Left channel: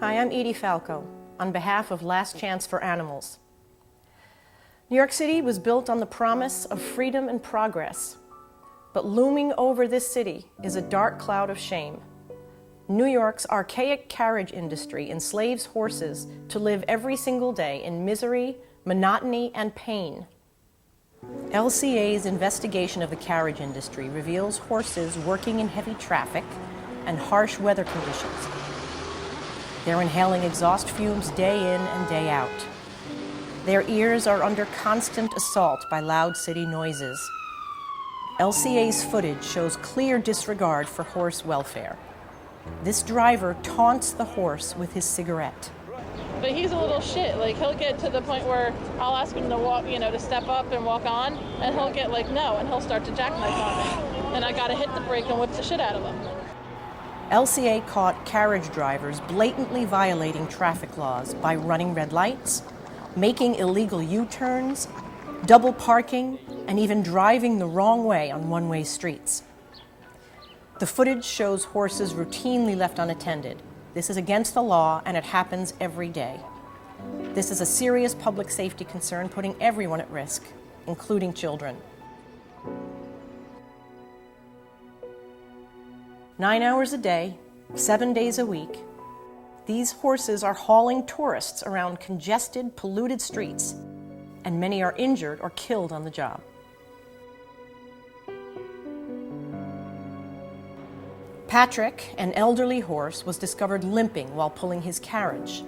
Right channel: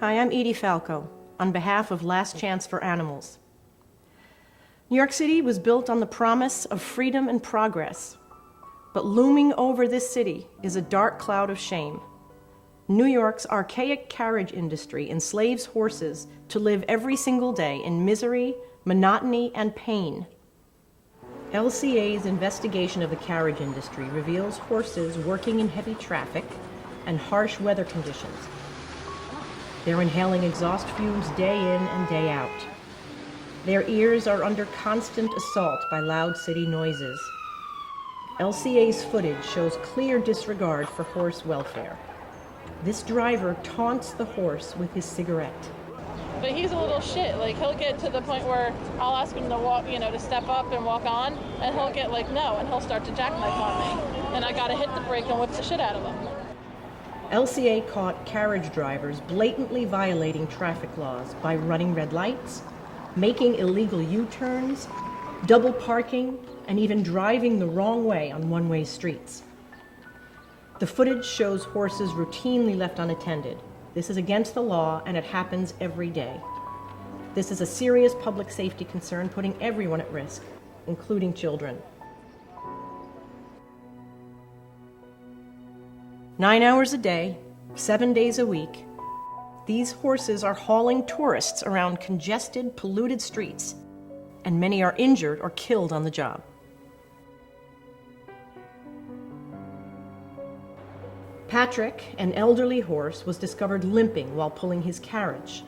Hi, I'm Edie Falco, on behalf of Last Chance for Animals. New York City was built on the promise of freedom and progress, but looming over this city is a dark cloud of shame. New York's archaic carriage industry enslaves horses to live every single day in misery, monotony, and pain. LCA's investigation of the carriage industry reveals horses working in heavy traffic and harsh weather conditions. They're inhaling exhaust fumes day in and day out. Their ears are under constant assault by loud city noises. LCA's footage shows clear disregard for horse welfare. This driver taunts the horse with his cigarette. But he's a little shit. Like, he'll get to the point where I'll ask him to walk, to step up and walk on, and he'll get like, no, and he'll start to jackknife on me. And I gotta hit the brake and whip the shit out of him. LCA caught carriage drivers blatantly violating traffic laws by running red lights, making illegal U-turns, double parking, and even driving the wrong way on one-way streets. The footage shows horses routinely left unattended. This is against the law, and it happens every day. This is a serious public safety concern, putting everyone at risk, including children. 9 hours a day, 7 days a week, these horses are hauling tourists around congested, polluted streets, and many are injured or killed on the job. Patrick, an elderly horse, was discovered limping while pulling his carriage.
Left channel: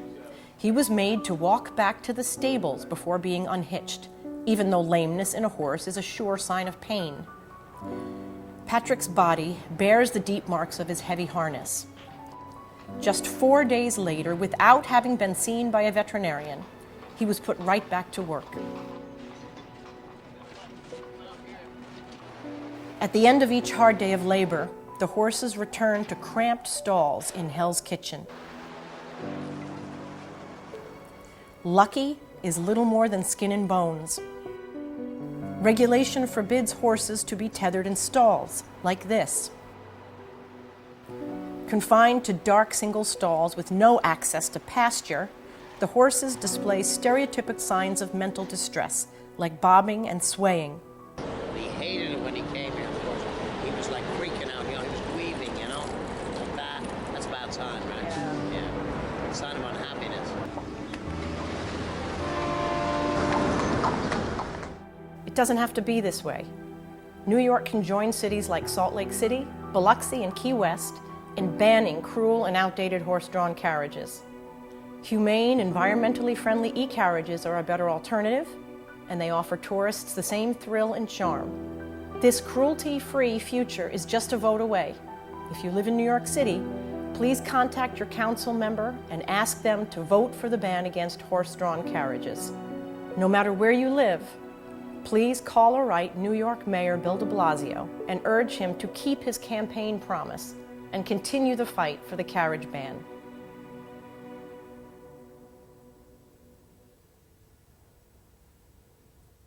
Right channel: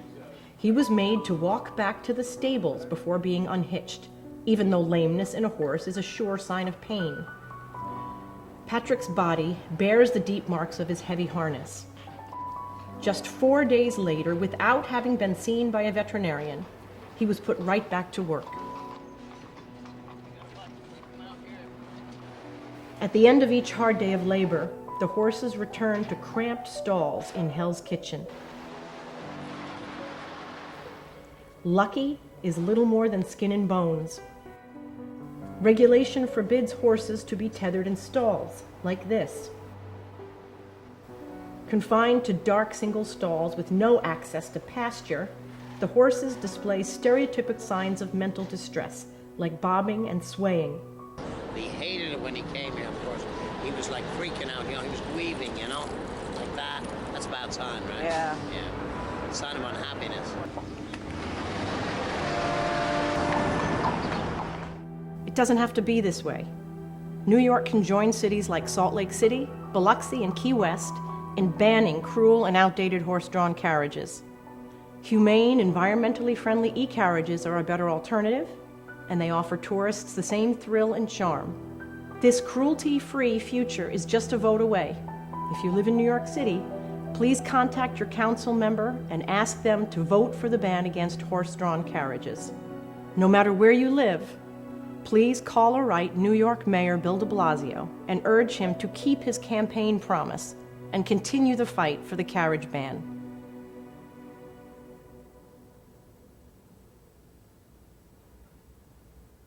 He was made to walk back to the stables before being unhitched, even though lameness in a horse is a sure sign of pain. Patrick's body bears the deep marks of his heavy harness. Just 4 days later, without having been seen by a veterinarian, he was put right back to work. At the end of each hard day of labor, the horses return to cramped stalls in Hell's Kitchen. Lucky is little more than skin and bones. Regulation forbids horses to be tethered in stalls, like this. Confined to dark single stalls with no access to pasture, the horses display stereotypic signs of mental distress, like bobbing and swaying. He hated it when he came here, of course. He was like freaking out, he was grieving, like that. That's about time, right? Yeah. Yeah. Sign of unhappiness. It doesn't have to be this way. New York can join cities like Salt Lake City, Biloxi, and Key West in banning cruel and outdated horse-drawn carriages. Humane, environmentally friendly e-carriages are a better alternative, and they offer tourists the same thrill and charm. This cruelty-free future is just a vote away. If you live in New York City, please contact your council member and ask them to vote for the ban against horse-drawn carriages. No matter where you live, please call or write New York Mayor Bill de Blasio and urge him to keep his campaign promise and continue the fight for the carriage ban.